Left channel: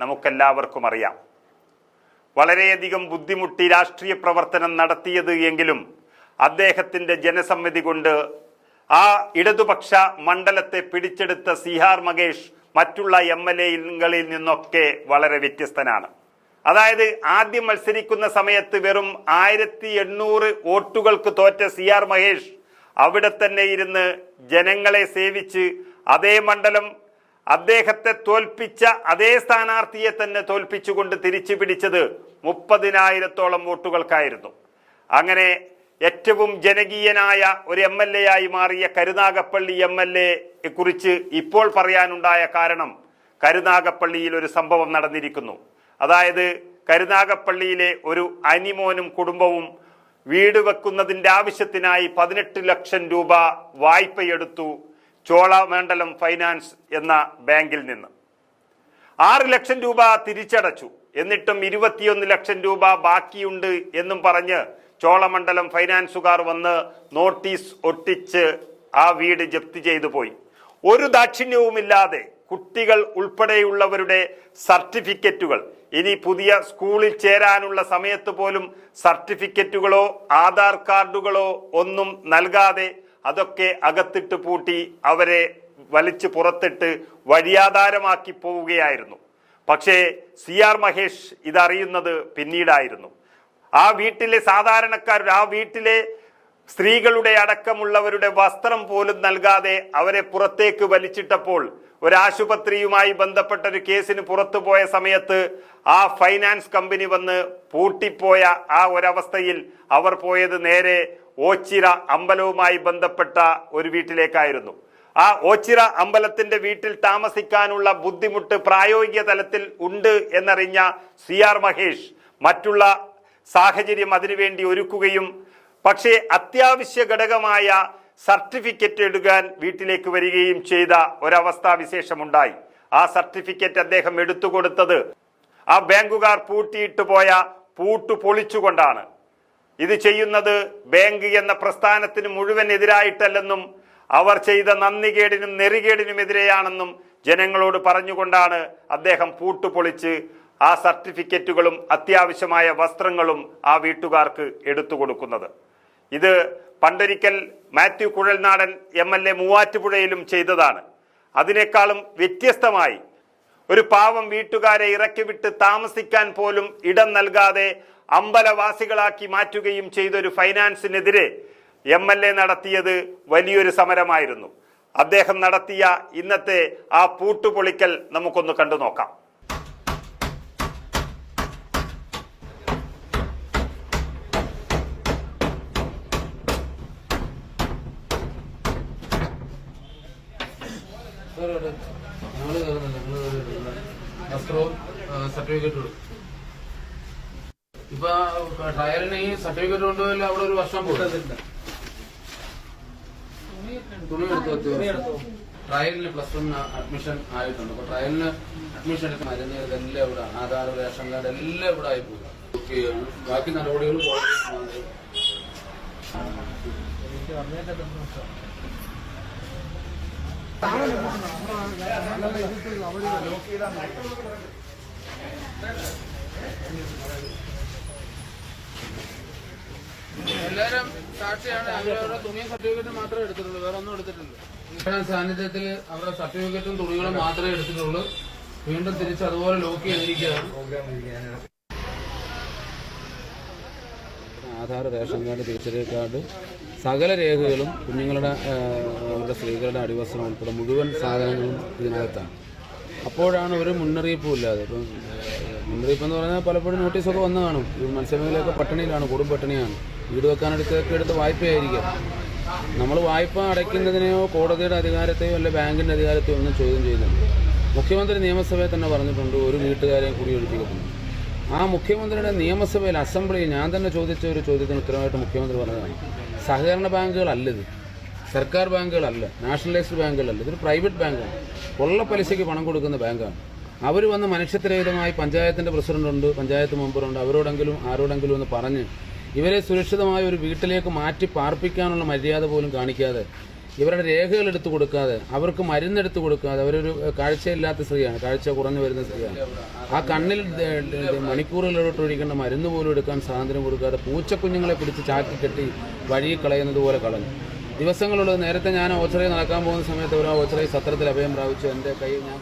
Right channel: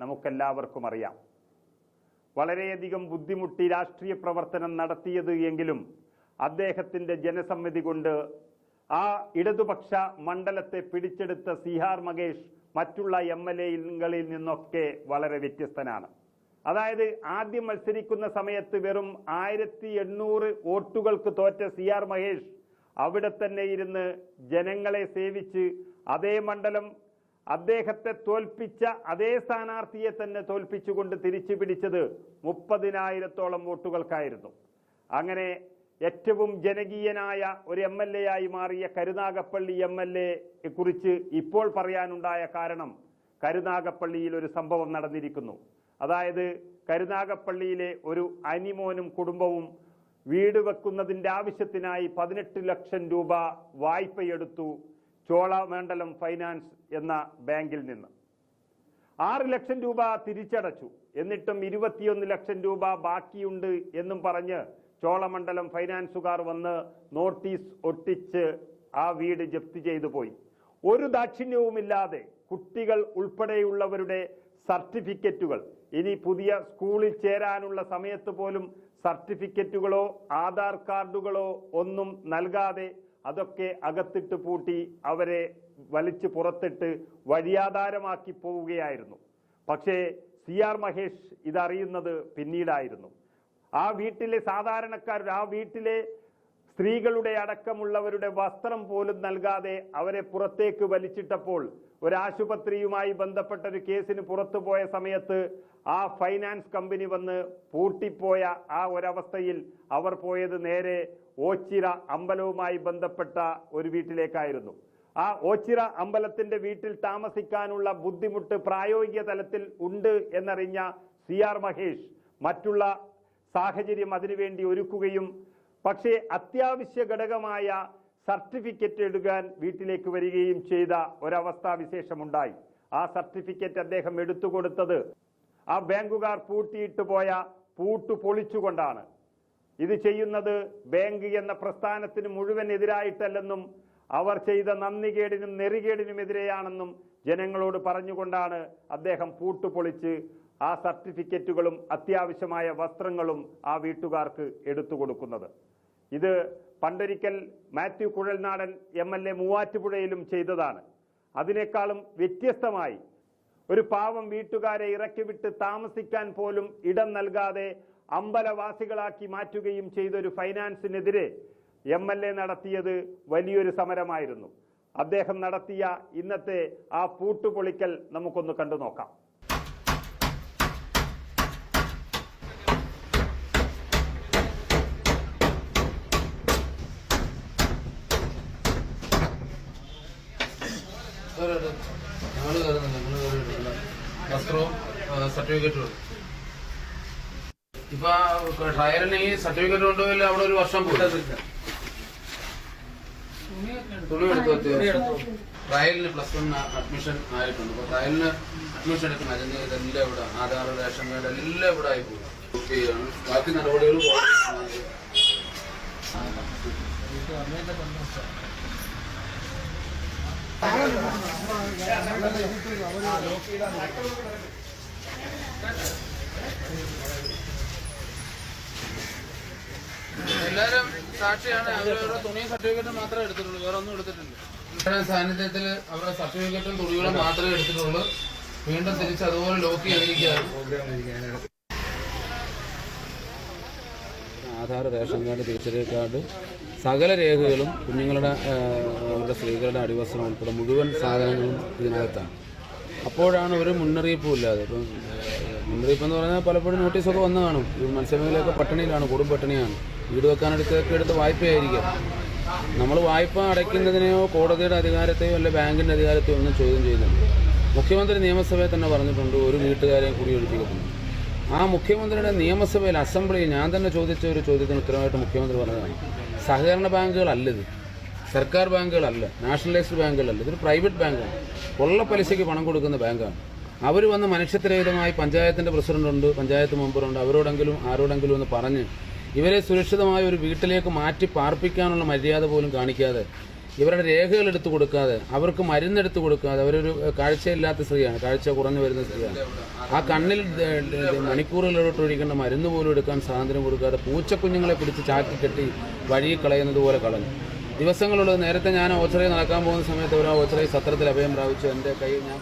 നമുക്കെല്ലാവർക്കും അറിയാം. വളരെയധികം ബുദ്ധിമുട്ടി രാഷ്ട്രീയ പ്രവർത്തനം നടത്തിയത് എങ്കിലും അദ്ദേഹത്തിൻ്റെ ജനസമ്മതി കൊണ്ട് ആ ഇടതുപക്ഷ മണ്ഡലത്തെ പിടിച്ചെടുത്ത സിആർ മഹേഷ് മറ്റുള്ള MLA-കളിൽ നിന്നൊക്കെ വളരെ വ്യത്യസ്തനാണ്. അതായത് ആദ്യം മത്സരിക്കുന്ന സമയത്ത് വെറും 1800 വോട്ടുകൾക്ക് തോറ്റ സിആർ മഹേഷ് അവിടെ തന്നെ ഇരുന്ന് ജനങ്ങളെ സേവിച്ച് അതേ മണ്ഡലം അദ്ദേഹത്തെ തോൽപ്പിച്ച അതേ സ്ഥാനാർത്ഥിയെ തന്നെ തോൽപ്പിച്ചുകൊണ്ട് തിരിച്ചു പിടിച്ചത് 30,000-ഓളം വോട്ടുകൾക്കായിരുന്നു. അങ്ങനെ ഏറ്റവും ജനകീയനായ ഒരു MLA ആയി മാറിയ കരുനാഗപ്പള്ളി MLA കുറിച്ച് ഇപ്പോൾ പറയാനുണ്ടായ കാരണം കരുനാഗപ്പള്ളിയിൽ ഒരു സംഭവം നടന്നിരിക്കുന്നു. അതായത് കരുനാഗപ്പള്ളിയിലെ ഒരു അനിമോനും കുടുംബവും വീട് വെക്കുന്നതിൻ്റെ ആവശ്യത്തിനായി 18 ലക്ഷം രൂപ വായ്പയെടുത്തു ചോളമണ്ഡലം ഫൈനാൻസ് എന്ന ബാങ്കിൽ നിന്ന്. 6 ലക്ഷം രൂപ തിരിച്ചടച്ചു. എന്നിട്ടും 21 ലക്ഷം രൂപ ബാക്കിയുണ്ട് എന്നും പറഞ്ഞ് ചോളമണ്ഡലം ഫൈനാൻസുകാർ വന്ന് നോട്ടീസ് ഒട്ടിച്ച് ആ വീട് ജപ്തി ചെയ്തു പോയി. ഒരു ദാക്ഷിണ്യവുമില്ലാതെ കുട്ടികൾ ഉൾപ്പെടെയുള്ളവരുടെ സർട്ടിഫിക്കറ്റുകൾ, ഇനി പുതിയ സ്കൂളിൽ ചേരാനുള്ള സമയത്ത് പോലും സർട്ടിഫിക്കറ്റുകളോ ആധാർ കാർഡുകളോ ഒന്നും നൽകാതെ അതൊക്കെ അകത്തിട്ട് പൂട്ടി അവരെ വലിച്ചു പുറത്തിട്ട് വഴിയാധാരമാക്കി പോവുകയായിരുന്നു. പക്ഷേ സിആർ മഹേഷ് ഇതറിയുന്നത് പിന്നീടായിരുന്നു. ആ വീട്ടിലെ സാധാരണക്കാരുടെ, ആ വീട്ടിലെ സ്ത്രീകളുടെ അടക്കമുള്ളവരുടെ വസ്ത്രം പോലും നൽകാതെ അവരെ പുറത്തേക്ക് വലിച്ചിട്ടപ്പോൾ ഒരാശുപത്രിയുമായി ബന്ധപ്പെട്ട ഒരു കേസിന് പുറത്തു പോയ സമയത്ത് ആ ഫൈനാൻസ് കമ്പനി വന്ന് പൂട്ടിപ്പോയ ആ ഒരവസ്ഥയിൽ അവർ പോയത് നേരെ ഓച്ചിറ അമ്പലവുമായി ബന്ധപ്പെട്ട ഒരു വീട്ടിലേക്കായിരുന്നു. ആ ഓച്ചിറ അമ്പലത്തിന്റെ വീട്ടിൽ താമസിക്കാനുള്ള ബുദ്ധിമുട്ട് പ്രായോഗിക തലത്തിൽ ഉണ്ട് എന്നറിഞ്ഞ സിആർ മഹേഷ് മറ്റുള്ള സാഹചര്യം അതിനുവേണ്ടി ഒരുക്കുകയും പക്ഷേ അത്യാവശ്യ ഘടകമായ സർട്ടിഫിക്കറ്റ് എടുക്കാൻ വീട്ടിലേക്ക് വരികയും ചെയ്ത ഒരവസ്ഥാവിശേഷമുണ്ടായി. ആ സർട്ടിഫിക്കറ്റ് അദ്ദേഹം എടുത്തുകൊടുത്തത് ആ ബാങ്കുകാർ പൂട്ടിയിട്ട് പോയ പൂട്ട് പൊളിച്ചുകൊണ്ടാണ്. ഇത് ചെയ്യുന്നത് ബാങ്ക് എന്ന പ്രസ്ഥാനത്തിന് മുഴുവൻ എതിരായിട്ടല്ലെന്നും അവർ ചെയ്ത നന്ദികേടിനും നെറികേടിനുമെതിരെയാണെന്നും ജനങ്ങളോട് പറഞ്ഞുകൊണ്ടാണ് അദ്ദേഹം പൂട്ട് പൊളിച്ച് ആ സർട്ടിഫിക്കറ്റുകളും അത്യാവശ്യമായ വസ്ത്രങ്ങളും ആ വീട്ടുകാർക്ക് എടുത്തു കൊടുക്കുന്നത്. ഇത് പണ്ടൊരിക്കൽ മാത്യു കുഴൽനാടൻ MLA മൂവാറ്റുപുഴയിലും ചെയ്തതാണ്. അതിനേക്കാളും വ്യത്യസ്തമായി ഒരു പാവം വീട്ടുകാരെ ഇറക്കിവിട്ട് താമസിക്കാൻ പോലും ഇടം നൽകാതെ അമ്പലവാസികളാക്കി മാറ്റുകയും ചെയ്തൊരു ഫൈനാൻസിനെതിരെ MLA നടത്തിയത് വലിയൊരു സമരമായിരുന്നു. അദ്ദേഹം നടത്തിയ ഇന്നത്തെ ആ പൂട്ടുപൊളിക്കൽ നമുക്കൊന്ന് കണ്ടു നോക്കാം. വസ്ത്രവും സർട്ടിഫിക്കറ്റും ഇപ്പൊ ട്രയലിന് ഈ സർട്ടിഫിക്കറ്റ് കൊണ്ടുപോയില്ല, അവിടെ ഒരു വർഷം പോയി. തുണി എടുത്തു ട്രയലിന് +1 അഡ്മിഷൻ ആയിട്ടുണ്ട്. അപ്പൊ ട്രയലിന് അഡ്മിഷൻ എടുക്കണം. അതിന് ഇതെല്ലാം ഇവിടെ ആധാർ, റേഷൻ കാർഡ് എല്ലാം ഇവിടെ ആയി പോകും. ബാക്കി നടപടികൾ എല്ലാരും സാക്ഷിയാണ്. അവരുടെ തുണിയും സർട്ടിഫിക്കറ്റും മാത്രമേ എടുത്തിട്ടുള്ളൂ, വേറെ ഒന്നും എടുത്തിട്ടുണ്ട്. സാന്നിധ്യത്തിൽ അവരുടെ സർട്ടിഫിക്കറ്റും തുണികളും മാത്രമേ എടുത്തിട്ടുള്ളൂ. വീണ്ടും തിരിച്ച് അതുപോലെ ലോക്ക് ചെയ്തിരിക്കുകയാണ്. ആധാർ, റേഷൻ കാർഡ്, തിരിച്ചറിയൽ കാർഡ്, സകല രേഖകളും കുഞ്ഞുങ്ങളുടെ അവരുടെ സ്ത്രീകളുടെ അടിവസ്ത്രം ഉൾപ്പെടെ മുഴുവൻ സാധനങ്ങളും ഇതിനകത്താണ്. അപ്പോഴാണ് ഒരു മുന്നറിയിപ്പും ഇല്ലാതെ. ഇപ്പം മുന്നറിയിപ്പ് എന്ന് പറഞ്ഞാൽ പലപ്പോഴും നോട്ടീസൊക്കെ വന്നു കാണും. ഈ മത്സ്യമേഖലയൊക്കെ പട്ടിണിയിലാണ്, കൊടും പട്ടിണിയാണ്. വീട് വെക്കാനെടുത്തൊക്കെ എടുത്ത് വായ്പയായിരിക്കാം. നമ്മൾ വായ്പ അടയ്ക്കുന്നതിനെയോ കോടതിയുടെ അധികാരത്തെയോ അല്ലെ ബാങ്കിൻ്റെ അധികാരത്തെയോ ഒന്നും ചോദ്യം ചെയ്യുന്നുണ്ട്. മുഖ്യമന്ത്രി നിയമസഭയിൽ തന്നെ പറഞ്ഞിട്ടുണ്ട് ഒരു വീട്ടുകാരെയും കൂടി ഒഴിപ്പിക്കുന്നു. ആ മുഖ്യമന്ത്രിയുടെ നിയമസഭയിൽ അസംബ്ലിയിൽ ഞാൻ തന്നെ ചോദിച്ച ഒരു ചോദ്യത്തിന് ഉത്തരവായിട്ട് മുഖ്യമന്ത്രി പറഞ്ഞതാണ്, സഹകരണ ബാങ്കുകളല്ലത്, സർക്കാർ ബാങ്കുകളല്ല, നാഷണലൈസ്ഡ് ബാങ്കുകളല്ല, ഇതൊരു പ്രൈവറ്റ് ബാങ്കാണ്, കൊള്ള പലിശയ്ക്ക് പണം കൊടുക്കുന്ന ബാങ്കാണ്. അവർ വന്ന് മനുഷ്യത്വരഹിതമായി പഞ്ചായത്തിൻ്റെ പ്രസിഡന്റുണ്ട്, പഞ്ചായത്ത് മെമ്പറുണ്ട്, അവരോടെങ്കിലും ആരോടെങ്കിലും ഒന്ന് പറഞ്ഞ് ഇവരെ സുരക്ഷിതമായ ഒരു വീട്ടിലേക്ക് മാറ്റി പാർപ്പിക്കാനുള്ള മര്യാദ പോലും കാണിക്കാതെ ഇവരുടെ രേഖകൾ എടുത്തു കൊടുക്കാതെ, അവർക്ക് മരുന്നെടുത്ത് കൊടുക്കാതെ, അവരൊരു കാഴ്ചയില്ലാത്ത സ്ത്രീയാണ്, കാഴ്ച കുറഞ്ഞു വരുന്ന സ്ത്രീയാണ്. ആ കണ്ണിൽ മണിക്കൂറുകളിലോട്ട് ഒഴിക്കേണ്ട മരുന്ന് പോലും എടുക്കാൻ സ്വാതന്ത്ര്യം കൊടുക്കാതെ പൂച്ചക്കുഞ്ഞുങ്ങളെ പിടിച്ച് ചാക്കി കെട്ടി വഴി കളയുന്നത് പോലെ കളഞ്ഞു. ദിവസങ്ങളുള്ളത്. നേരത്തെ ഞാൻ ഓച്ചറയിൽ നടക്കാൻ പോകുന്ന സമയത്ത് ഒരു ഓച്ചറയിൽ സത്രത്തിൽ അഭയം പ്രാപിച്ചു. എൻ്റെ കൈ ഞാൻ